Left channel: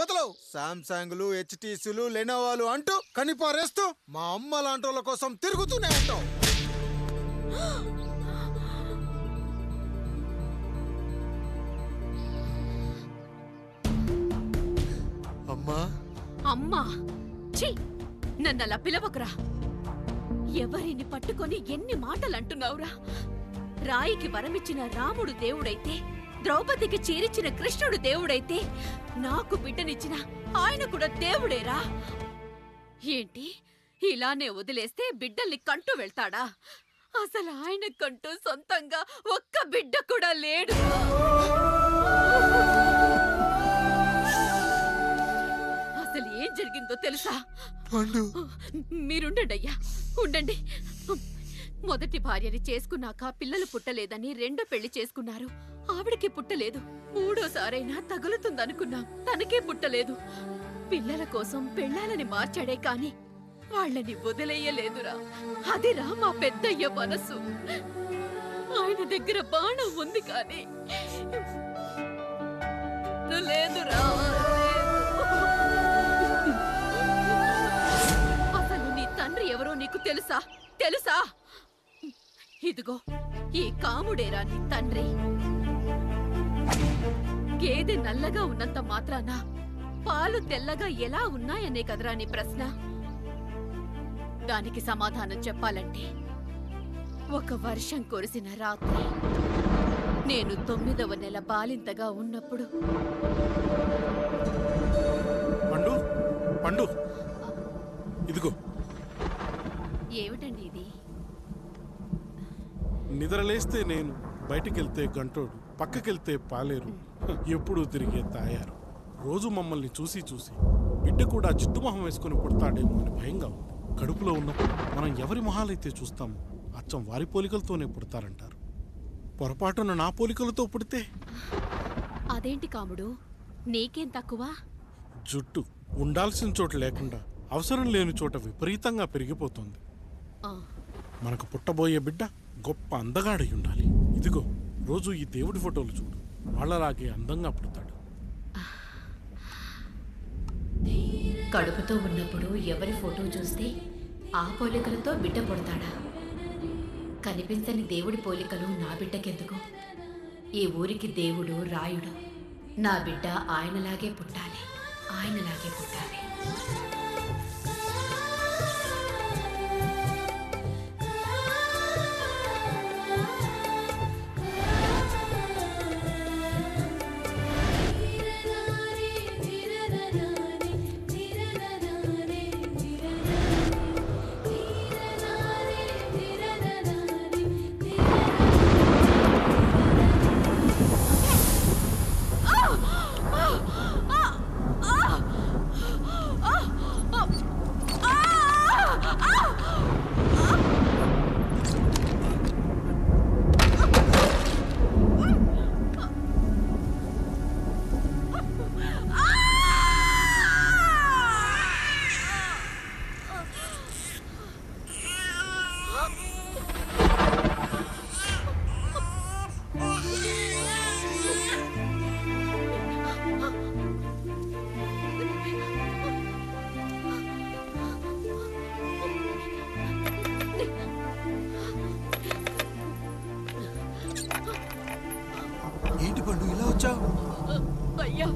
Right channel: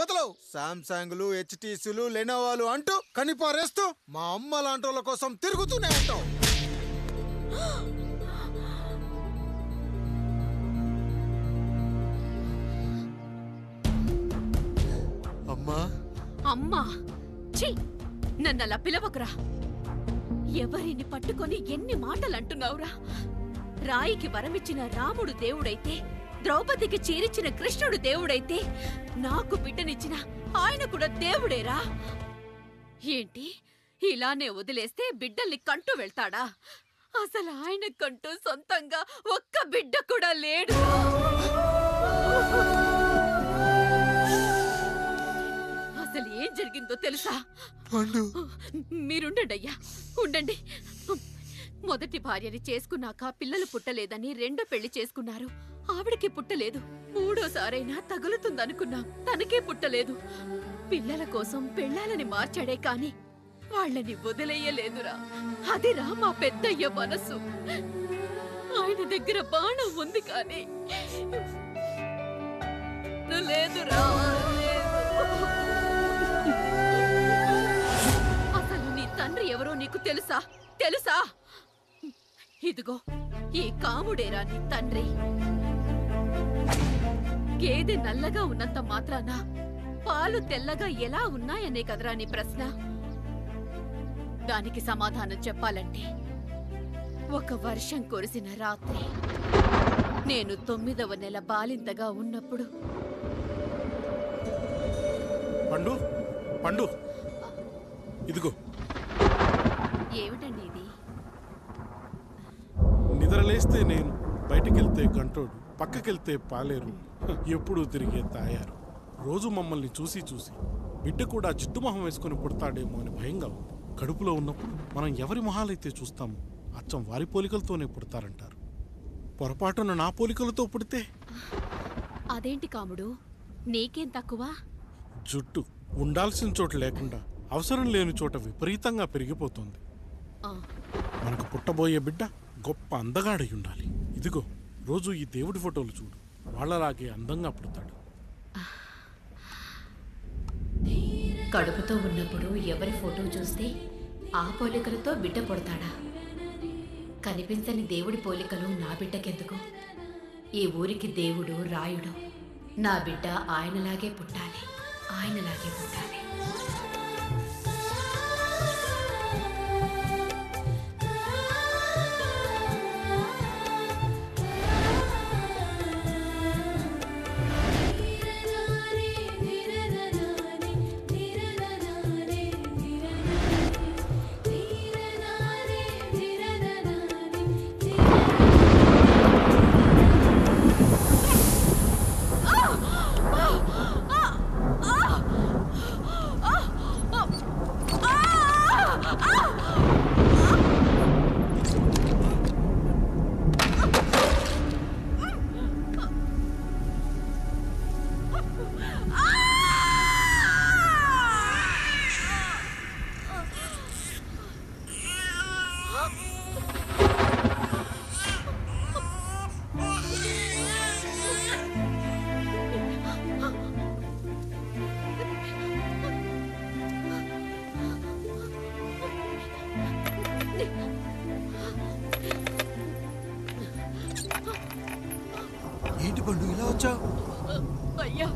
వదలవు. సామ్సంగ్లు, హెచ్టీసీలు, లెనోవాలు అంటూ కనిపారేస్తూ మా అమ్మ లాంటి వాళ్ళ కోసం తిరుగుతూనే ఉంటావు. అమ్మా అమ్మా ఛీ, నన్నలా పిలవకురా. ఎవరిని పట్టుకొని ఎన్ని మాటలు అంటున్నావురా? రాయికి వరమిచ్చిన రాముడు దేవుడైతే, ద్రౌపదికి చీరిచ్చిన కృష్ణుడు దేవుడైతే, నాకు బిడ్డనిచ్చిన ఆయన కూడా దేవుడేరా. ఏంటి ఇలానే వదిలేస్తే బిడ్డల్ని కంటూ వెళ్తాడా? అసలు ఆయన కంటూ సొంతంగా ఒక్క బిడ్డ కూడా లేడు. అసలు ఏం జరిగిందో తెలుసా? మీరుండండి అయ్యా, ఉండండి. మొదటి భార్యని చేసుకున్నాక పిల్లలు పుట్టలేదని రెండో పెళ్లి చేసుకున్నారు. ఆవిడకి పుట్టలేదు. మూడోసారైనా తగులుతుందనుకున్నాం, తనకే పుట్టలేదు. పిల్లల కోసం పెళ్ళాలని మార్చాడే కాని వాళ్ళని వదిలేయలేదురా. అదిరా మా పెద్దయ్య మనసు. ఆయన దగ్గర బాణం ఉంది కానీ లేదురా, అసలు నీ తండ్రి ఎవరో నీకు తెలుసా? తెలుసా? ఇదిగో ఈ కాముడేరా నీ తండ్రి. గేదె నల్లగా ఉన్నంత మాత్రాన పాలు తెల్లగా ఎలా ఉన్నాయనే కదరా నీ ప్రశ్న. దానికి సమాధానం చెప్పాలంటే, ఒక వర్షం కురిసిన రాత్రి నేను 9వ నెల బాలింతగా ఉన్నప్పుడు. పండు పండు ఇదిగో. ఏమిటండి ఇది? నిద్రలేస్తే నేను, బయటికెళ్తే గంటోడు, పక్కకెళ్తే పాలేరు, ఎప్పుడూ తిరిగే తాయారు. రోజు మమ్మల్ని చూసి చూసి బిడ్డ కూడా జిడ్డు మొహం వేసుకుని పుడతాడేమో అని భయంగా ఉంది. కడుపులో ఉన్నప్పుడు మనం ఎవరి మొహాలైతే చూస్తామో అచ్చం వారి పోలికలతోనే పుడతారంటారు. పొరపాటున నా పోలికలతో పుడితే? అదేంటి కాముడు, నీకేం తక్కువ? జుట్టు ఉండాల్సిన చోట లేకుండా అవసరం లేని చోట విపరీతంగా పెరిగిపోతుంది. మనకు పుట్టబోయే బిడ్డ గొప్ప అందగాడై ఉండాలి. ఇదిగో రోజు ఈ దేవుడి ఫోటోలు చూడు, వాళ్ళలాగే అందంగా పుడతాడు. కడుపుతో ఉన్నప్పుడు ఎవరి ఫోటో చూస్తే ఆ పోలికలతో బిడ్డ పుడతాడా? కనిపించని దేవుడి పోలికలు నా బిడ్డకెందుకు? ఈ ఊరికి దేవుడు రాయుడు. నా బిడ్డ ఆయనలాగే పుట్టాలి, ఆయనలాగే పుట్టాలి. ఏంటి పండు ఇలా వచ్చావు? అయ్యా,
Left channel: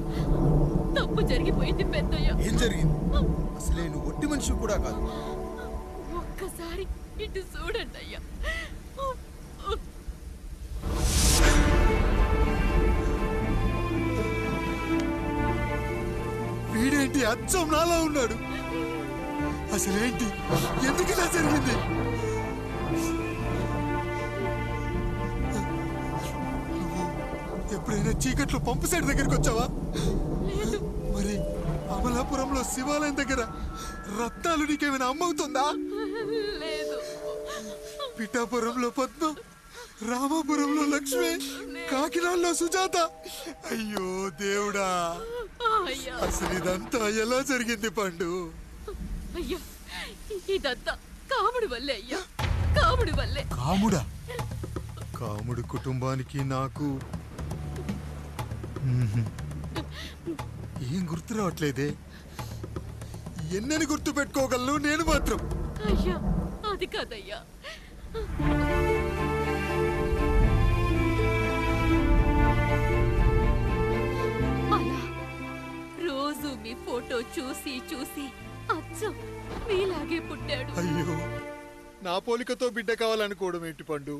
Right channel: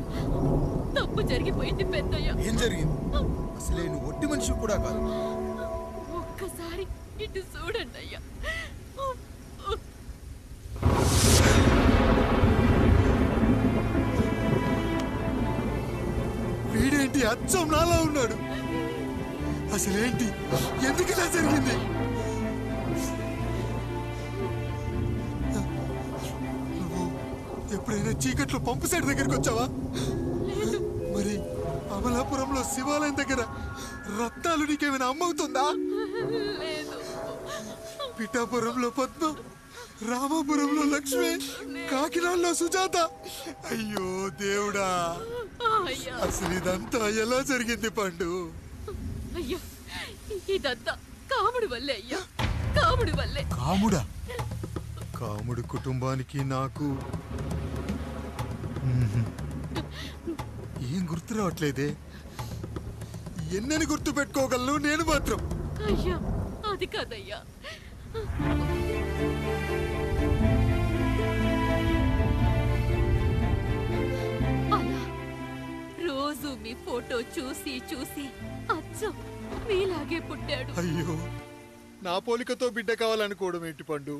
తప్పు జరిగిపోయింది పెద్దయ్య. ఏం జరిగింది? అసలే నువ్వు ఒట్టి మనిషి కూడా కాదు. ఒక్కసారి ఇటు చూడండి అయ్యా. వీడేంటి అచ్చం నాలా ఉన్నాడు? అసలేంటి, ఎందుకు ఇలా జరిగింది? ఎప్పుడైనా చీకట్లో పంపు సైడ్ దగ్గరికి వచ్చావా? మరి అమలాపురంలో శివాలయం దగ్గర రత్నాలు నీకేమైనా అమ్మవుతుందా? పిఠాపురంలో పద్మ, రామాపురంలో లక్ష్మి, కాకినాడలో సుజాత. అయ్యో దేవుడా, అసలు ఇదంతా ఎలా జరిగింది పండు? అయ్యా, ఇదంతా కాముడి వల్లే అయ్యా, కాముడి వల్లే. కాముడా? కాముడి కుటుంబానికి నాకు ఏం గుర్తు రావట్లేదే. ఎన్నని గుర్తు పెట్టుకోగలను నేను మాత్రం. అయ్యా అది కాదయ్యా. అలా రోజు మీ ఫోటో చూసి చూసి అచ్చం మీలాగే పుట్టాడు. అయ్యో, నా పోలికతో బిడ్డ కావాలనుకోవడం ఏంటి పండు?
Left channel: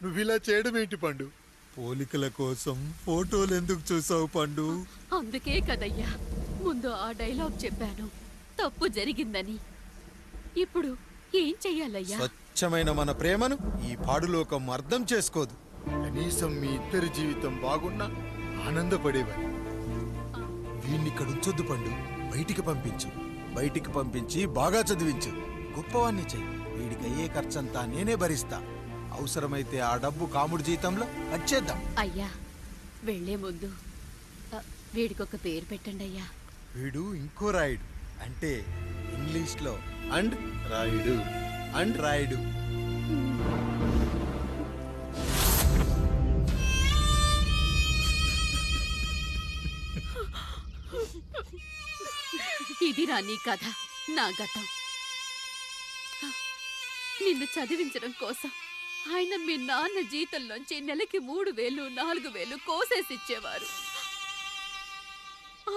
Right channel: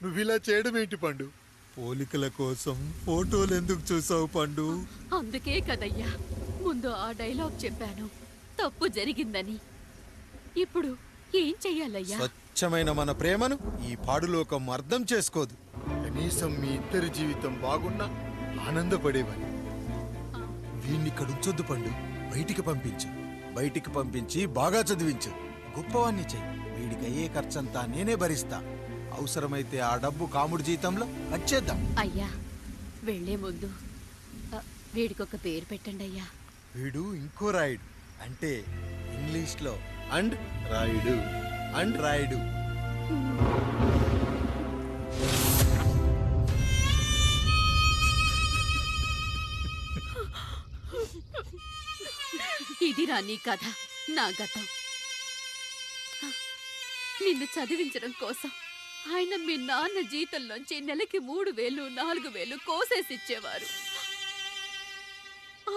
నువ్విలా చేయడం ఏంటి పండు? పోలికల కోసం ఫోటోలు ఎందుకు చూసావు పండు? అందుకే కదయ్యా ముందు ఆ డైలాగ్ చెప్పాను, తప్పు జరిగిందని. ఇప్పుడు ఏం చెయ్యాలయ్యా? స్వచ్ఛమైన మన ప్రేమను ఈ పాడులోకం అర్థం చేసుకోదు. కనీసం మీ ఇద్దరి జీవితం బాగున్నా ఆనందపడేవాని. వీణ్ణిక్కడ ఉంచొద్దు పండు, బయటికి పంపించు. బయటికి పంపించి బాగా చదివించు, గొప్పవాణ్ణి చెయ్యి. వీడికి అయ్యే ఖర్చంతా నేనే భరిస్తా. అవసరమైతే ఆ డబ్బు కాముడి జీతంలో కట్ చేద్దాం. అయ్యా వెళ్లే ముందు వీడికొక పేరు పెట్టండి అయ్యా. వీడు ఇంకో రాయుడు, అంటే ఇంగ్లీష్ లో అండ్ రాయుడు. అండ్ రాయుడు. ఇది నీ కథ, నా గతం. నిన్ను చదివించడం కోసం ఆయన మీ నాన్న జీతంలోంచి నెలకి 3,000, 4,000 కోసేసిచ్చేవారు.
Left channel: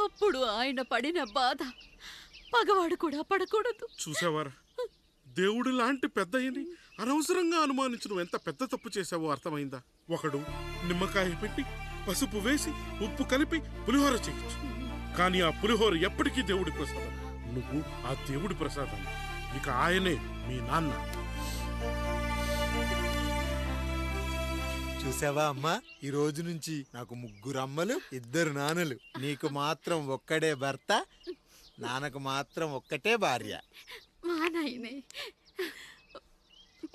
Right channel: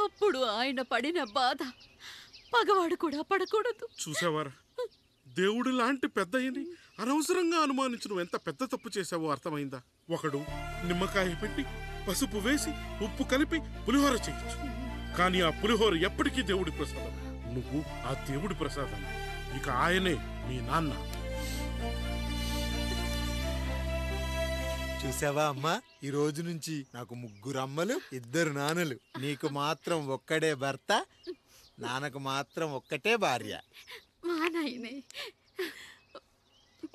అప్పుడు ఆయన పడిన బాధ పగవాడు కూడా పడకూడదు. చూసావారా, దేవుడు లాంటి పెద్దయ్యని అనవసరంగా అనుమానించు ఎంత పెద్ద తప్పు చేశావో అర్థమైందా? ఒకడు నిమ్మకాయ పెట్టి పసుపు వేసి ఉప్పు కలిపి పులిహోర చేయొచ్చు, కానీ ఆ పులిహోర ఎప్పటికీ దేవుడి ప్రసాదం. నువ్వు ఆ దేవుడి ప్రసాదం. ఇక ఆయనే మీ నాన్న. చూసావా అమ్మా, ఈ రోజు నుంచి నాకు 3 అమ్మలు, 2 నాన్నలు. నీకు మాత్రం ఒక్కడే భర్త, నాన్నకు మాత్రం ఒక్కటే భార్య. మా నాయనే.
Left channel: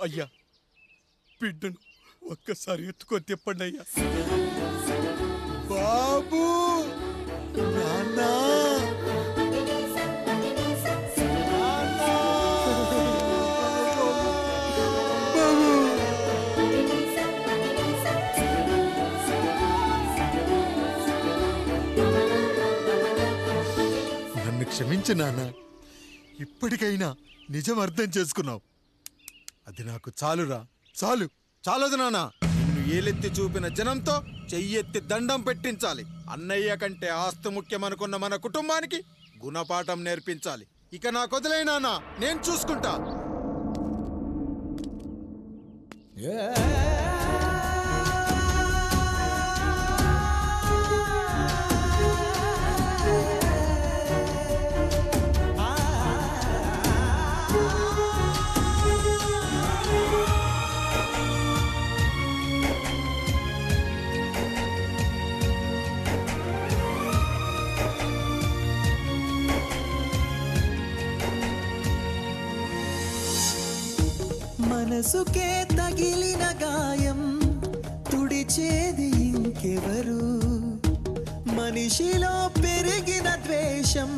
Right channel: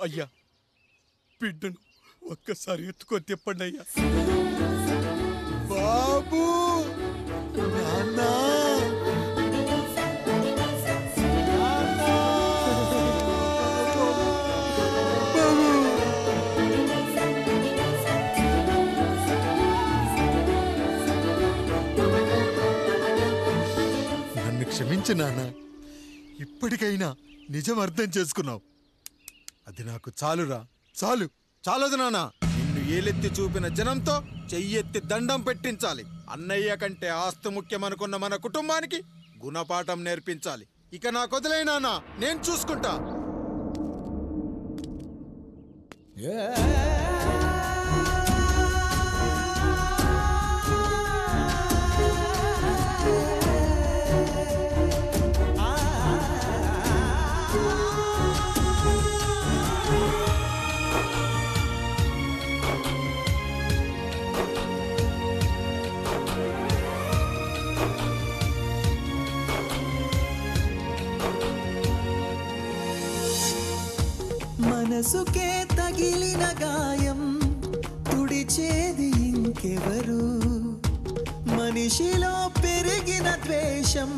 అయ్యా, బిడ్డను ఒక్కసారి ఎత్తుకొని తిప్పండి అయ్యా. బాబు, నాన్నా, నన్ను క్షమించు నాన్న. ఇప్పటికైనా నిజం అర్థం చేసుకున్నావు. అది నాకు చాలురా, చాలు. చాలదు నాన్న. నిన్ను ఏలెత్తి చూపిన జనంతో చెయ్యెత్తి దండం పెట్టించాలి. అన్నయ్య కంటే ఆస్తి ముఖ్యమనుకున్న మన కుటుంబానికి గుణపాఠం నేర్పించాలి. ఇక నాకు వదిలే నాన్న, నేను చూసుకుంటా. మనసుకే తగిలిన గాయం తుడిచేది ఇంకెవరు? మనిషిలో పెరిగిన ద్వేషం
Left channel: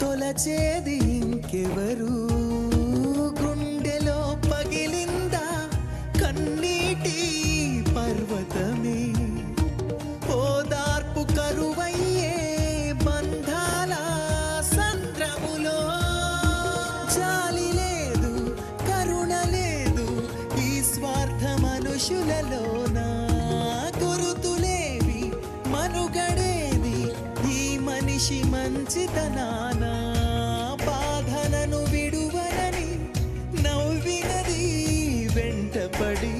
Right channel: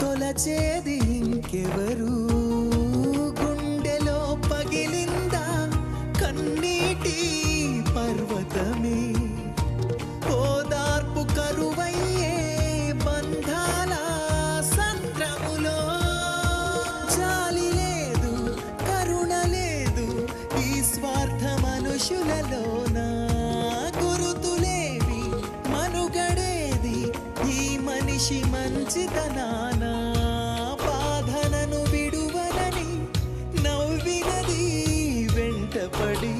తొలచేది ఇంకెవరు? గుండెలో పగిలిందా కన్నీటి పర్వతమే? ఓదార్పు కరువయ్యే బంధాల సంద్రములో జాలి లేదు, కరుణ లేదు ఈ స్వార్థ మనుషులలోన. గురుతులేవి, మనుగడేది ఈ మనిషి మంచితనాన. బాధనను విడువనని నవ్వినది వెంటపడి.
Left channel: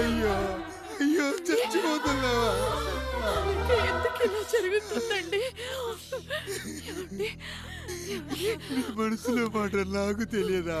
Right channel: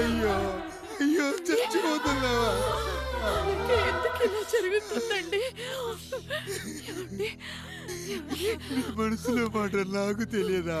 అయ్యో అయ్యో, చచ్చిపోతున్నావా? ఎందుకు ఇలా జరుగుతుందండి? నీ మనసులో మాట నాకు తెలియదా?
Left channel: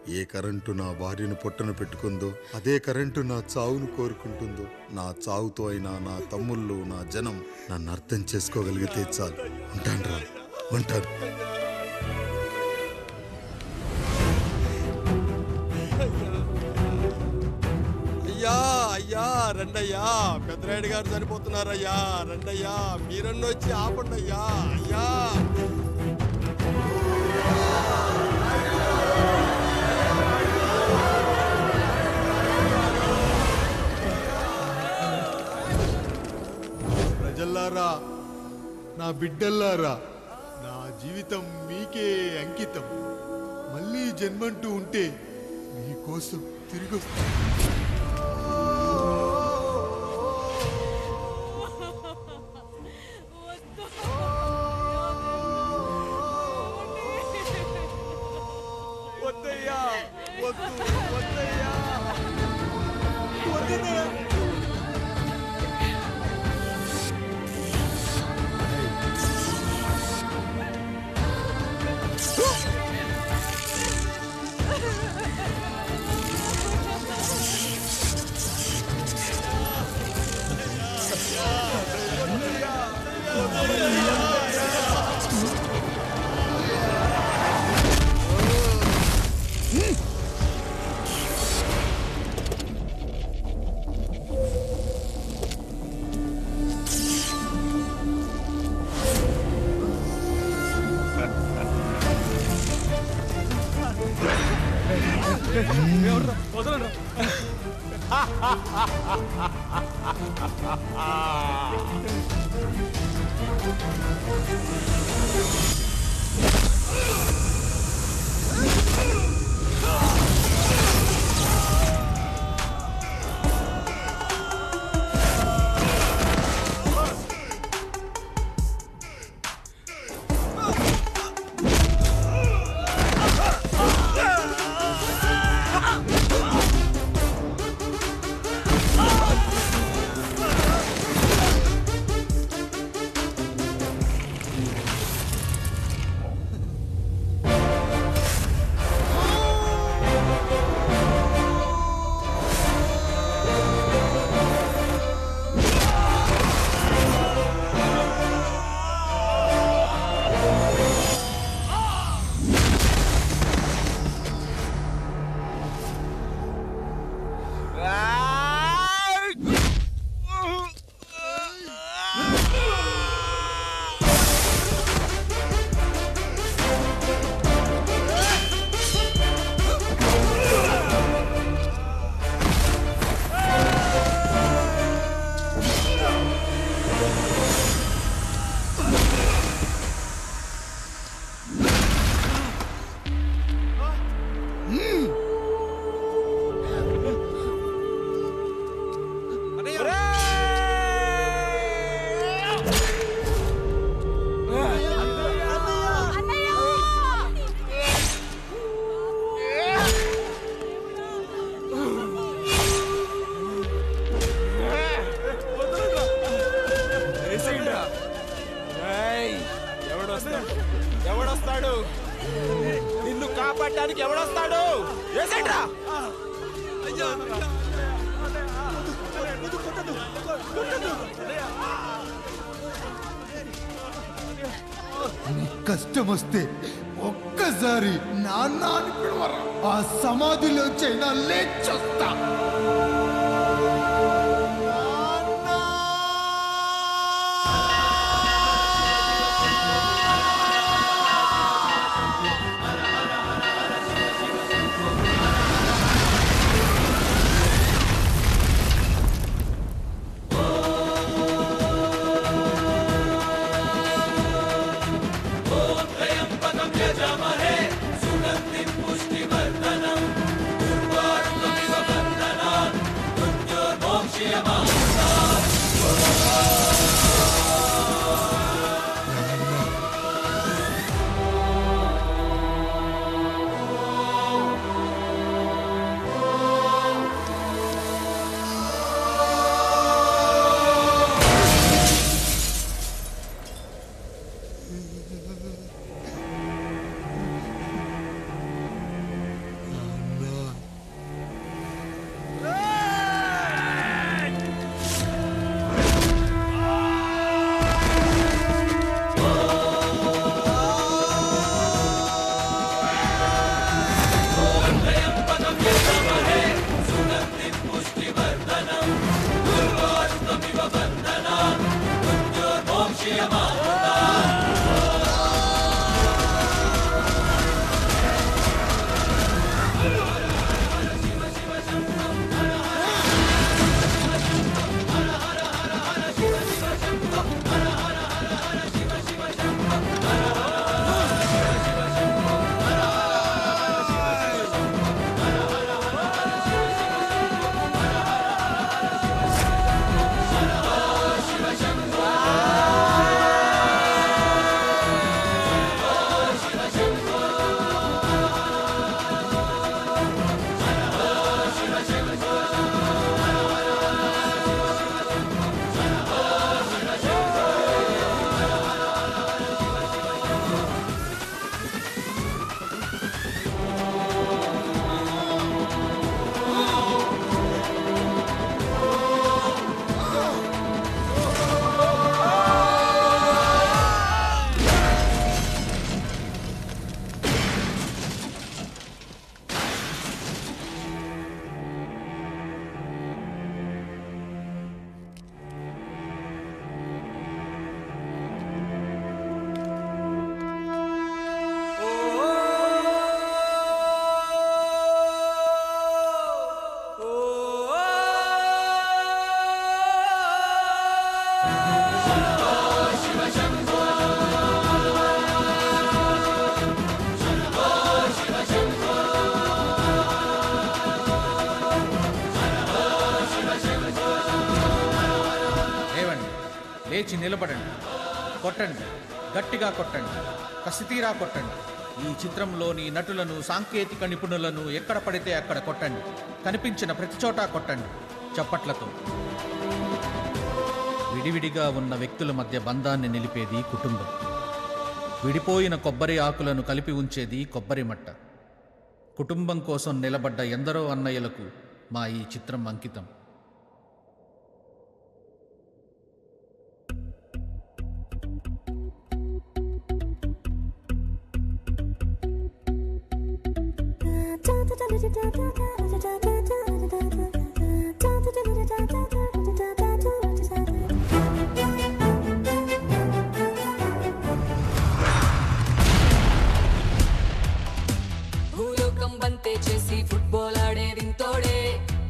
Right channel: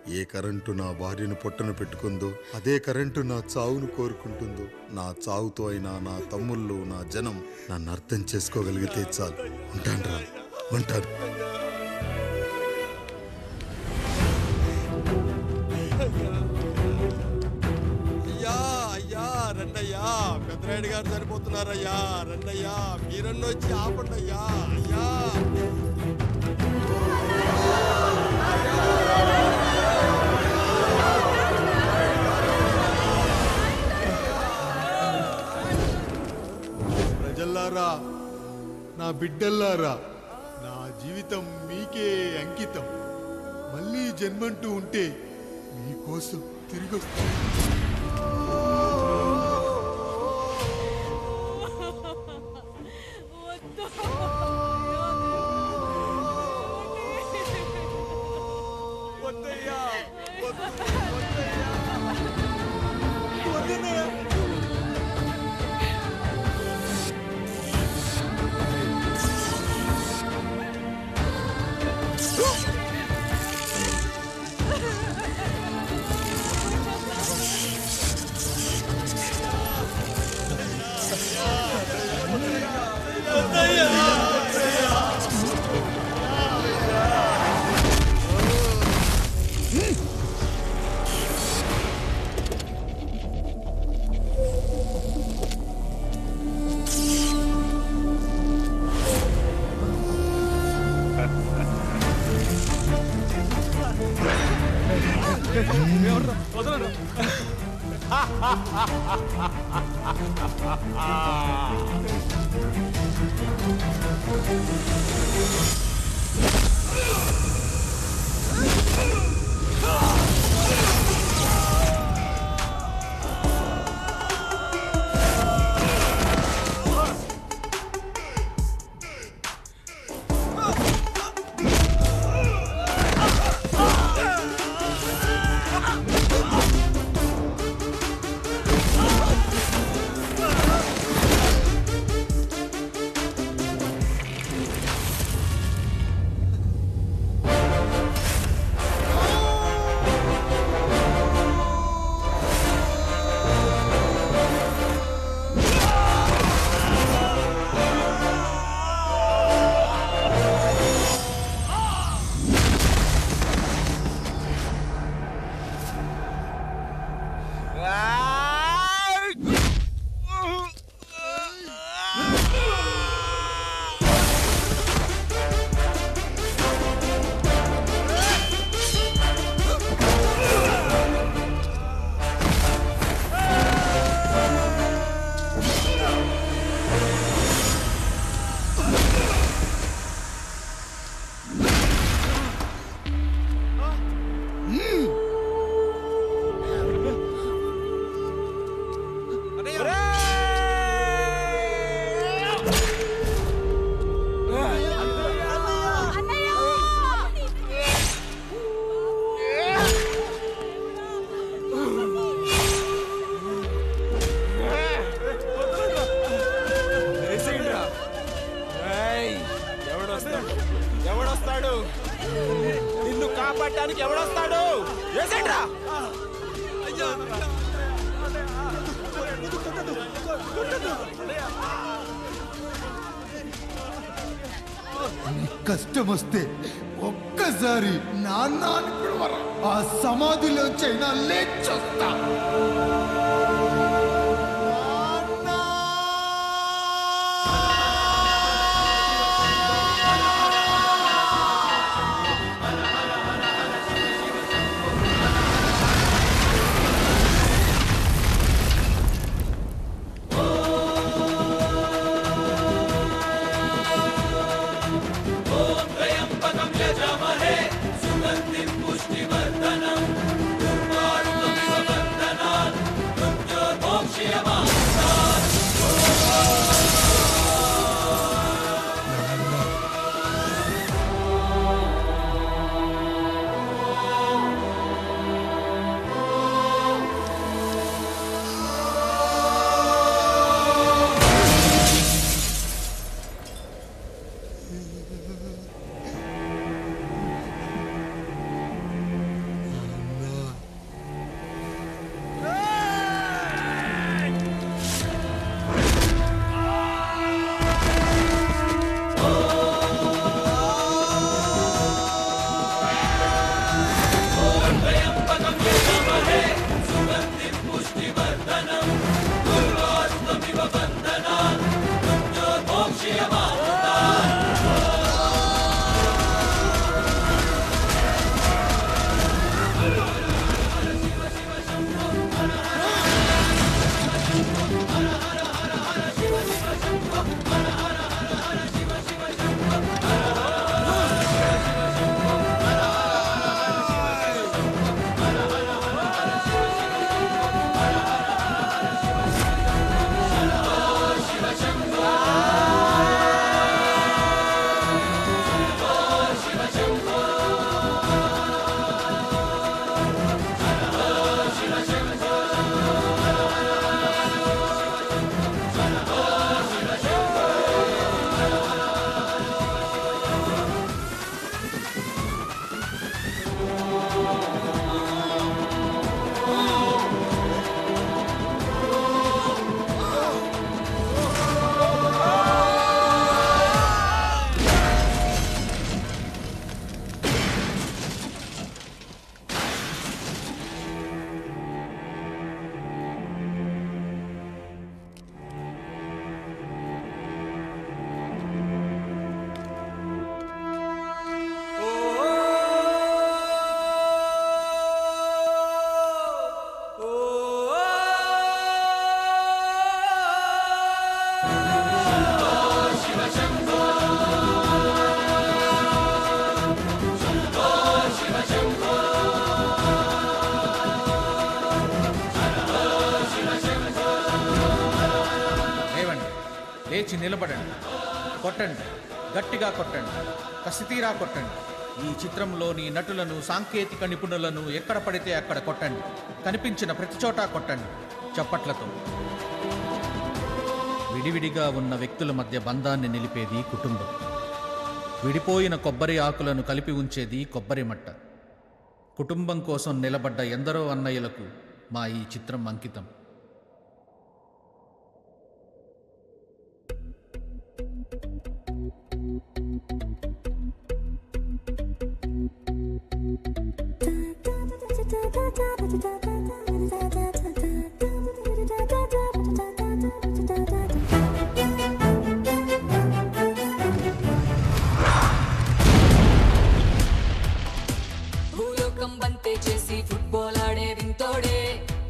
ఏ కరెంటు నా భార్యను పొట్టను పెట్టుకుందో అదే కరెంటు నా చావును కోరుకుంటుందో, నా చావుతో అయినా నా తమ్ముళ్ళు, నా జనం నన్ను అర్థం చేసుకోగలిగితే చాలు. ఉంటాను, ఉంటాను. అయ్యా అయ్యా రండయ్యా, పెద్దరాయుడు గారు చనిపోతున్నారయ్యా, రండయ్యా, మీరన్న వచ్చి ఆపండి అయ్యా. అయ్యా ప్రజల్లారా, నా బిడ్డల్లారా, నా జీవితం మీకే అంకితం. మళ్ళీ జన్మంటూ ఉంటే మీకోసం తిరిగి వస్తా. వద్దయ్యా, వద్దు, వద్దయ్యా, వద్దయ్యా. ఎవడొస్తాడు? నిన్ను కాపాడటానికి ఎవడొస్తాడు? ఏసేంట్రా? కష్టం వస్తే ఒక్కసారి నాన్న అని పిలవరా, ఆ సమాధిలోంచైనా లేచొస్తా. లేచి నిలబడండి, కొట్టండి, గట్టిగా కొట్టండి, కసితీరా కొట్టండి. ఈ చిత్రంలోని నటులను, సాంకేతిక నిపుణులను ఎక్కడ పడితే అక్కడ కొట్టండి. కనిపించిన ప్రతి చోట కొట్టండి చప్పట్లతో. విడివిడిగా ఉన్న వ్యక్తుల మధ్య బంధాన్ని నిలిపేది కుటుంబం. విడిపోయిన కొబ్బరి ఆకులను కలిపి ఉంచేది కొబ్బరి మట్ట. కుటుంబం కోసం నిలబడ్డ ఎందరో అన్నయ్యలకు మా ఈ చిత్రం అంకితం. చేసి ఫుట్బాల్ ఆడే వింతోడే,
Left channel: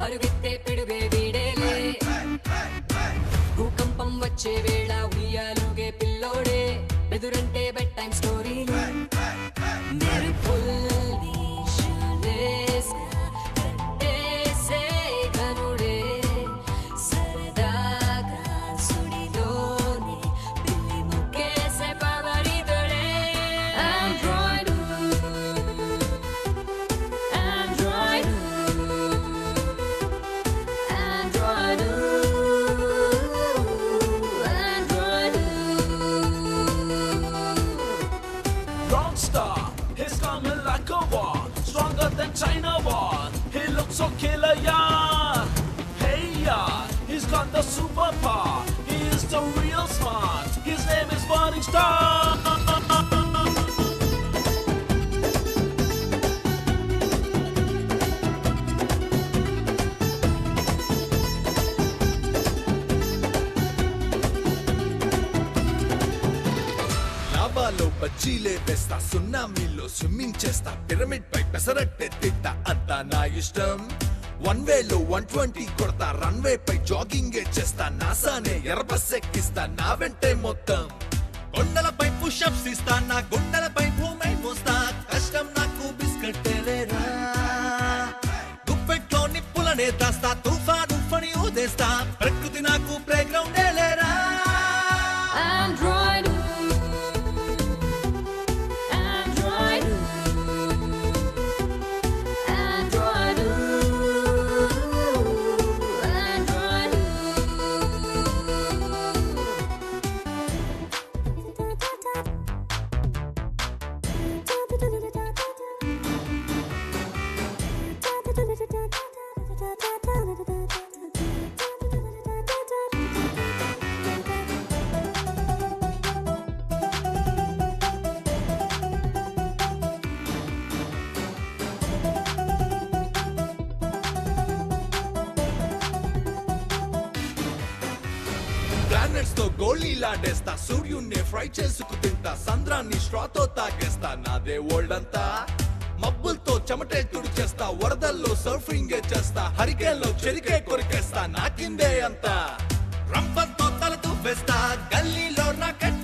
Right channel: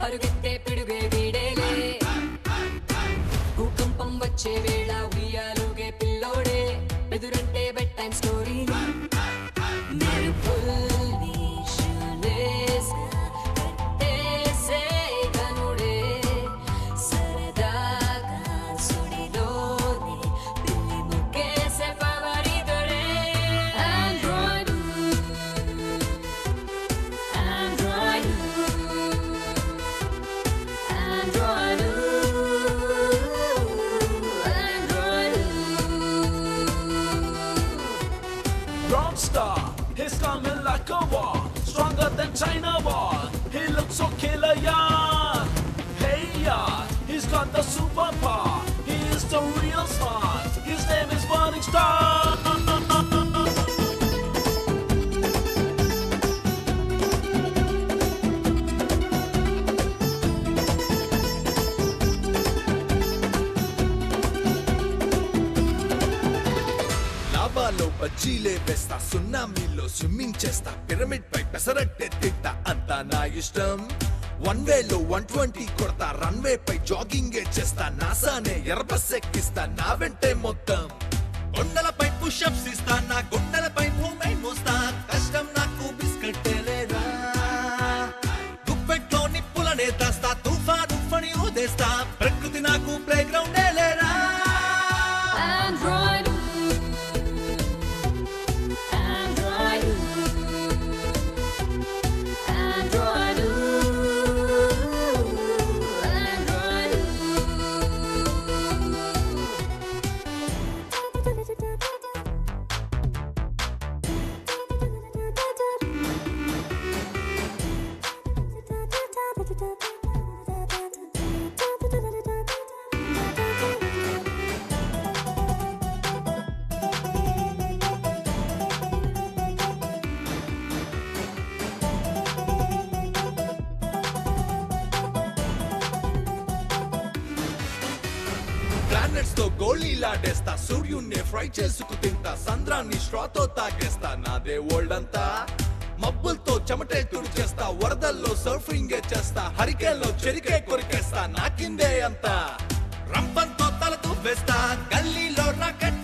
అరుగెత్తే పిడుగే వీడేలే. భూకంపం వచ్చే వేళ ఉయ్యాలుగే పిల్లోడే, ఎదురంటే బెడ్ టైం స్టోరీలే. మెరుపుల్ని షూలేస్గా కట్టేసే గనుడే, సరదాగా సుడిలోనే పిల్లి ముక్కేసే పవరితోడే. Android Rockstar, he's coming like a war, stronger than China wall. He looks so killer, yeah. Hey, yeah, he's got the superpower. He is the real smart. His name is Burning Star. లావాలో బజ్జీలే వేస్తా, సున్నామీలో swimming చేస్తా, pyramid పై పెసరట్టే తిట్టా, అంతా నా ఇష్టం. 1 వేలో 120 కొడతా, runway పై jogging చేస్తా, నాసానే ఎర్రబస్ ఎక్కిస్తా, నా వెంటే మొత్తం. కొండలపై పుషప్స్ ఇస్తా, నా గుండెలపై భూమి మోస్తా, కష్టం నాకు బిస్కెట్టేలేరా. గుప్పెట్లో నిప్పులనే దాస్తా, తుఫాను ఫణి ఊదేస్తా, ప్రకృతి నాకు ప్లే గ్రౌండే లేరా. Android, Android, Android, Android. Planets తో గోళీలాడేస్తా సూర్యున్నే ఫ్రై చేసుకు తింటా సంద్రాన్ని స్ట్రాతో తాకేస్తా నాదే వరల్డ్ అంతా మబ్బులతో చెమటే తుడిచేస్తా వరదల్లో సర్ఫింగ్ చేస్తా హరికేల్లో చెరికే కొరికేస్తా నా కిందే అంతా రంపంతో తలతో వేస్తా గల్లీలో రాకెట్